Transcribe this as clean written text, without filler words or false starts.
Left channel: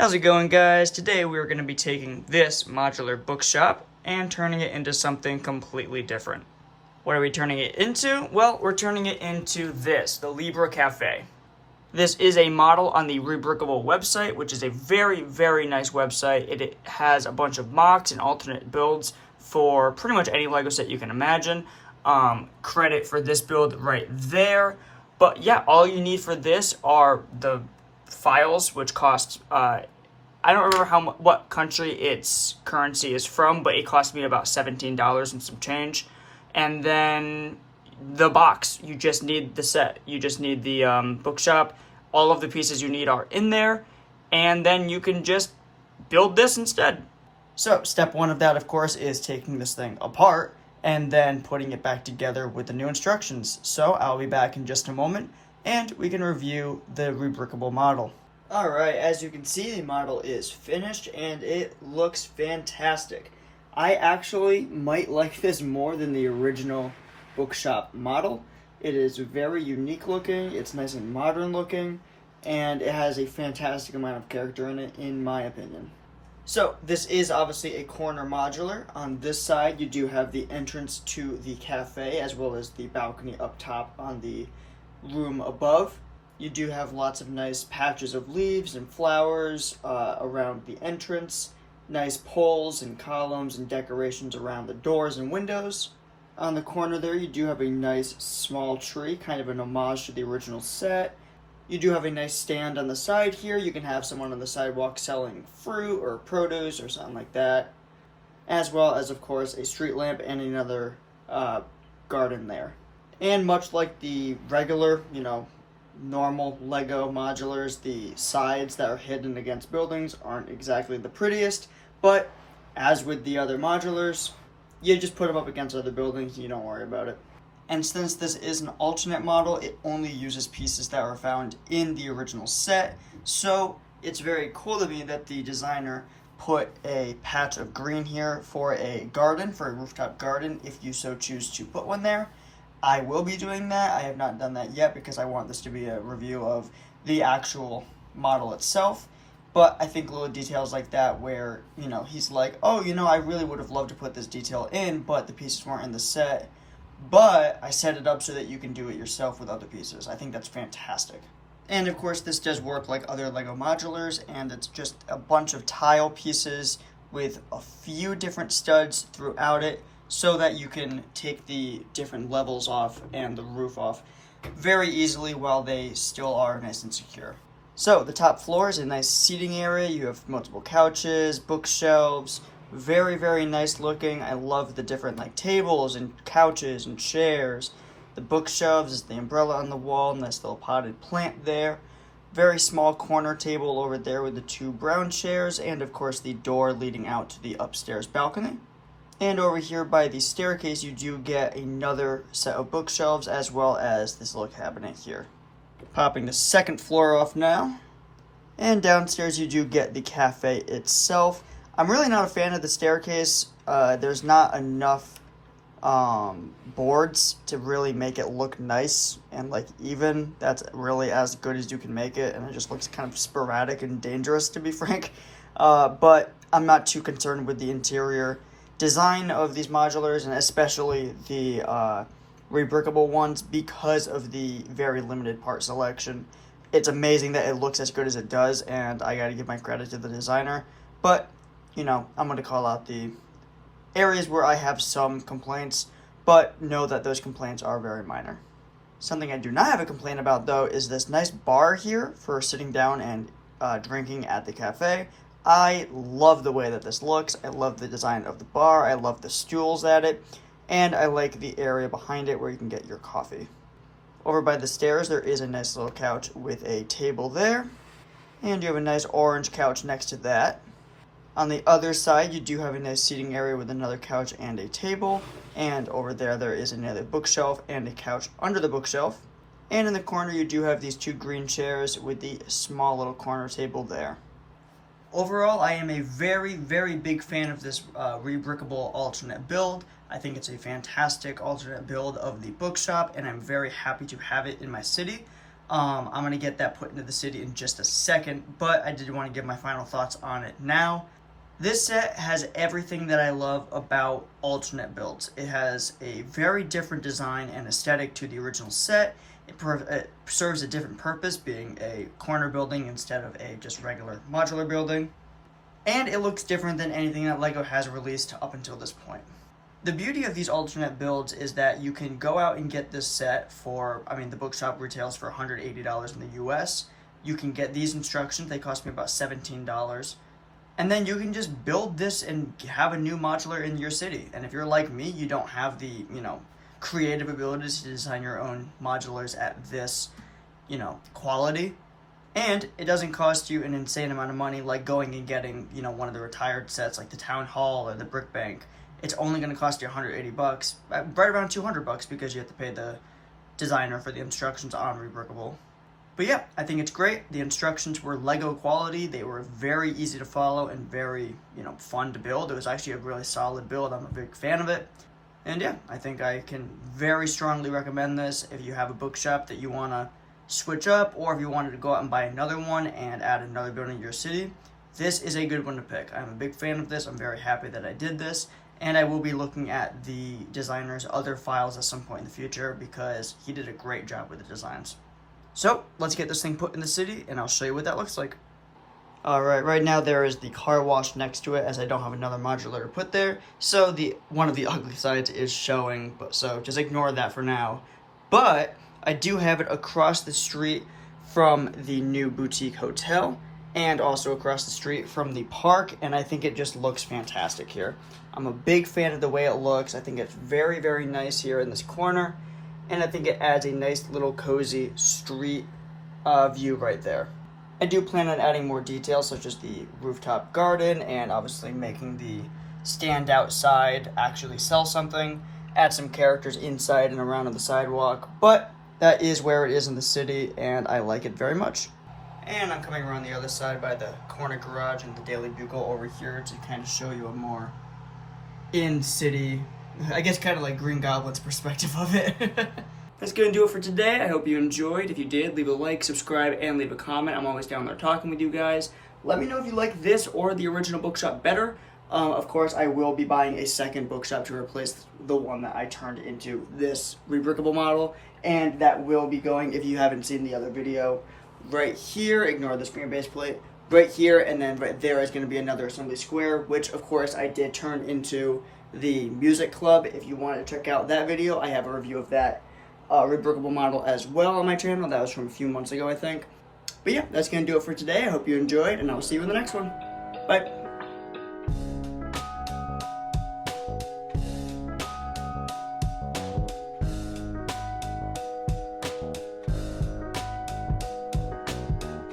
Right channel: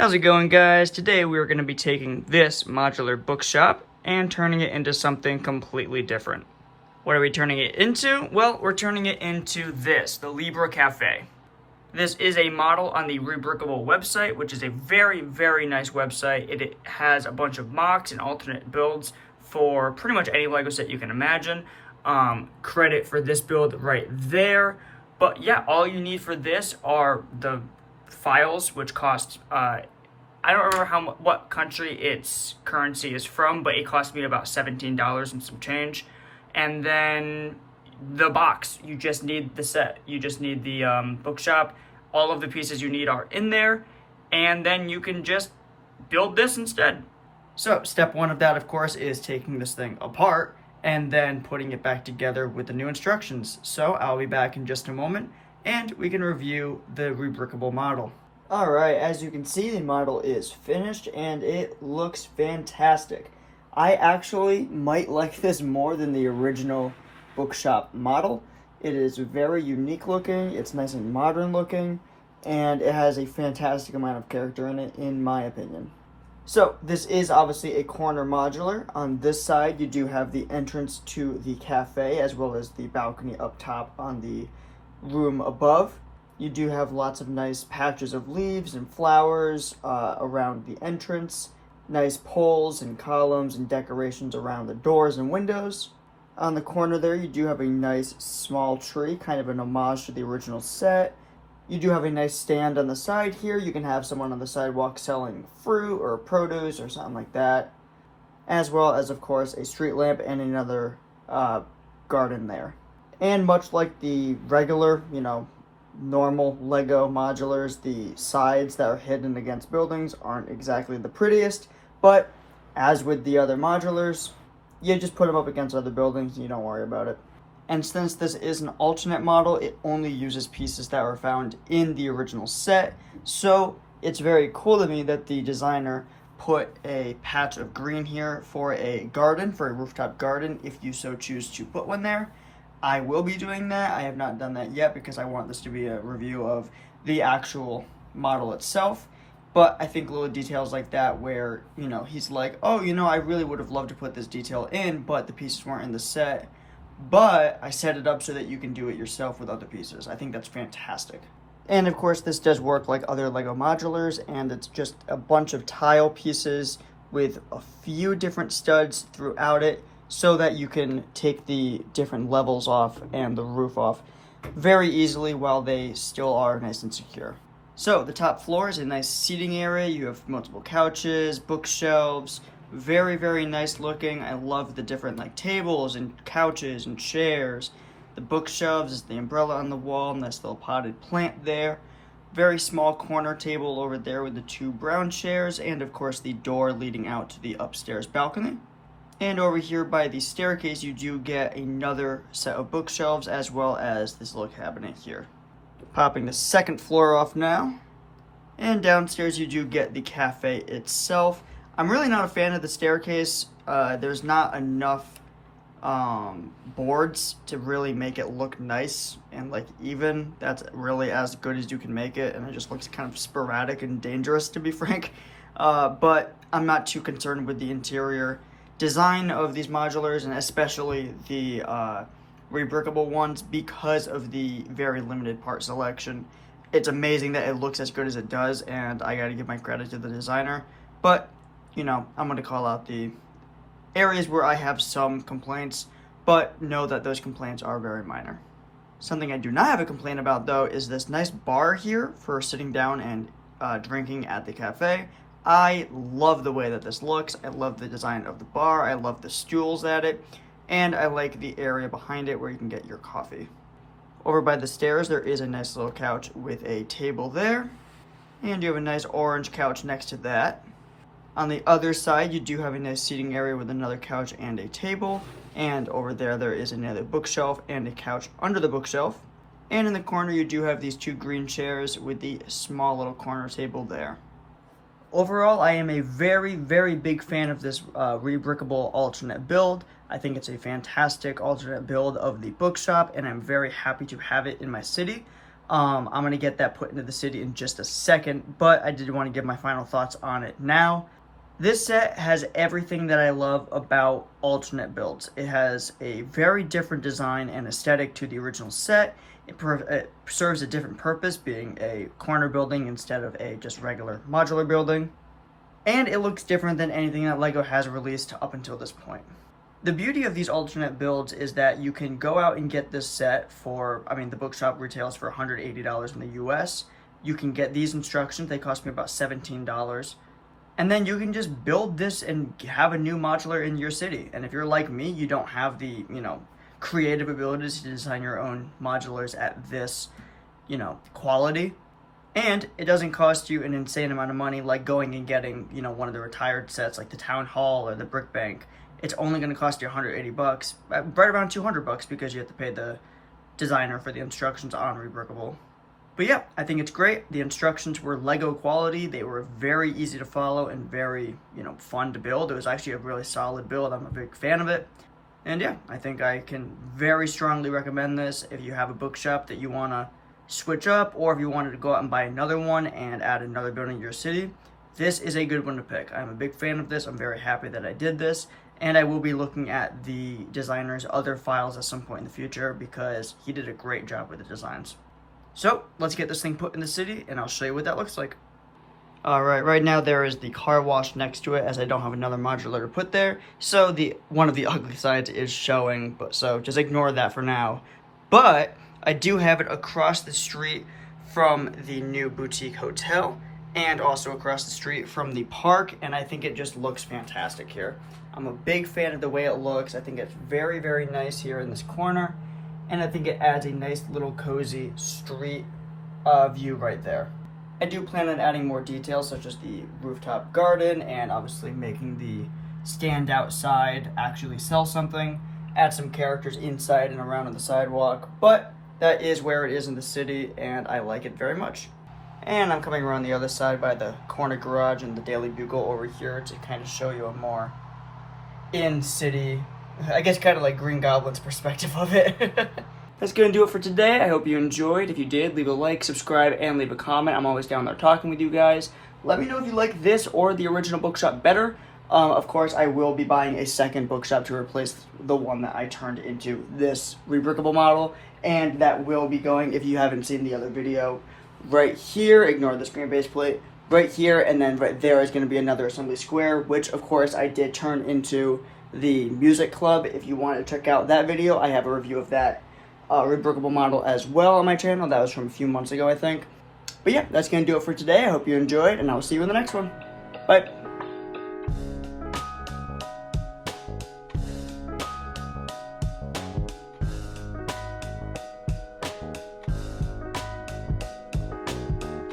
How's it going, guys? Today we're going to be taking this modular bookshop and turning it into something completely different. What are we turning it into? Well, we're turning it into this, the Libra Cafe. This is a model on the Rebrickable website, which is a very, very nice website. It has a bunch of mocks and alternate builds for pretty much any LEGO set you can imagine. Credit for this build right there. But yeah, all you need for this are the files, which cost I don't remember what country its currency is from, but it cost me about $17 and some change. And then the box, you just need the set, you just need the bookshop. All of the pieces you need are in there, and then you can just build this instead. So step one of that, of course, is taking this thing apart and then putting it back together with the new instructions. So I'll be back in just a moment and we can review the Rebrickable model. Alright, as you can see, the model is finished and it looks fantastic. I actually might like this more than the original bookshop model. It is very unique looking, it's nice and modern looking, and it has a fantastic amount of character in it, in my opinion. So, this is obviously a corner modular. On this side, you do have the entrance to the cafe, as well as the balcony up top on the room above. You do have lots of nice patches of leaves and flowers around the entrance, nice poles and columns and decorations around the doors and windows. On the corner there, you do have a nice small tree, kind of an homage to the original set. You do have a nice stand on the side here. You can have someone on the sidewalk selling fruit or produce or something like that. As well as, of course, a street lamp and another garden there. And much like the regular, normal LEGO modulars, the sides that are hidden against buildings aren't exactly the prettiest. But as with the other modulars, you just put them up against other buildings and you don't worry about it. And since this is an alternate model, it only uses pieces that were found in the original set. So it's very cool to me that the designer put a patch of green here for a garden, for a rooftop garden, if you so choose to put one there. I will be doing that. I have not done that yet because I want this to be a review of the actual model itself. But I think little details like that where, he's like, oh, I really would have loved to put this detail in, but the pieces weren't in the set. But I set it up so that you can do it yourself with other pieces. I think that's fantastic. And of course, this does work like other LEGO modulars, and it's just a bunch of tile pieces with a few different studs throughout it so that you can take the different levels off and the roof off very easily while they still are nice and secure. So the top floor is a nice seating area. You have multiple couches, bookshelves. Very, very nice looking. I love the different tables and couches and chairs. The bookshelves is the umbrella on the wall. Nice little potted plant there. Very small corner table over there with the two brown chairs. And of course the door leading out to the upstairs balcony. And over here by the staircase you do get another set of bookshelves as well as this little cabinet here. Popping the second floor off now. And downstairs you do get the cafe itself. I'm really not a fan of the staircase. There's not enough boards to really make it look nice and even. That's really as good as you can make it, and it just looks kind of sporadic and dangerous, to be frank. But I'm not too concerned with the interior design of these modulars, and especially the Rebrickable ones, because of the very limited part selection. It's amazing that it looks as good as it does, and I gotta give my credit to the designer. But I'm going to call out the areas where I have some complaints, but know that those complaints are very minor. Something I do not have a complaint about, though, is this nice bar here for sitting down and drinking at the cafe. I love the way that this looks. I love the design of the bar. I love the stools at it. And I like the area behind it where you can get your coffee. Over by the stairs, there is a nice little couch with a table there. And you have a nice orange couch next to that. On the other side, you do have a nice seating area with another couch and a table. And over there is another bookshelf and a couch under the bookshelf. And in the corner, you do have these two green chairs with the small little corner table there. Overall, I am a very, very big fan of this Rebrickable alternate build. I think it's a fantastic alternate build of the bookshop, and I'm very happy to have it in my city. I'm going to get that put into the city in just a second, but I did want to give my final thoughts on it now. This set has everything that I love about alternate builds. It has a very different design and aesthetic to the original set. It serves a different purpose, being a corner building instead of a just regular modular building. And it looks different than anything that LEGO has released up until this point. The beauty of these alternate builds is that you can go out and get this set for, the BOOKSHOP retails for $180 in the US. You can get these instructions, they cost me about $17. And then you can just build this and have a new modular in your city. And if you're like me, you don't have the, creative abilities to design your own modulars at this, quality. And it doesn't cost you an insane amount of money like going and getting, one of the retired sets like the Town Hall or the Brick Bank. It's only going to cost you $180, right around $200 because you have to pay the designer for the instructions on Rebrickable. But yeah, I think it's great. The instructions were LEGO quality. They were very easy to follow and very, fun to build. It was actually a really solid build. I'm a big fan of it. And yeah, I think I can very strongly recommend this if you have a bookshop that you want to switch up, or if you wanted to go out and buy another one and add another building to your city. This is a good one to pick. I'm a big fan of this. I'm very happy that I did this. And I will be looking at the designer's other files at some point in the future because he did a great job with the designs. So let's get this thing put in the city and I'll show you what that looks like. Alright, right now there is the car wash next to it as I don't have another modular to put there. So one of the ugly sides is showing, so just ignore that for now. But I do have it across the street from the new boutique hotel and also across the street from the park, and I think it just looks fantastic here. I'm a big fan of the way it looks. I think it's very, very nice here in this corner, and I think it adds a nice little cozy street view right there. I do plan on adding more details such as the rooftop garden and obviously making the stand outside actually sell something, add some characters inside and around on the sidewalk, but that is where it is in the city and I like it very much. And I'm coming around the other side by the corner garage and the Daily Bugle over here to kind of show you a more in-city, I guess kind of like Green Goblin's perspective of it. That's going to do it for today. I hope you enjoyed. If you did, leave a like, subscribe, and leave a comment. I'm always down there talking with you guys. Let me know if you like this or the original bookshop better. Of course, I will be buying a second bookshop to replace the one that I turned into this Rebrickable model. And that will be going, if you haven't seen the other video, right here. Ignore the screen base plate. Right here, and then right there is going to be another assembly square, which, of course, I did turn into the music club. If you want to check out that video, I have a review of that Rebrickable model as well on my channel. That was from a few months ago, I think. But yeah, that's going to do it for today. I hope you enjoyed, and I will see you in the next one. Bye.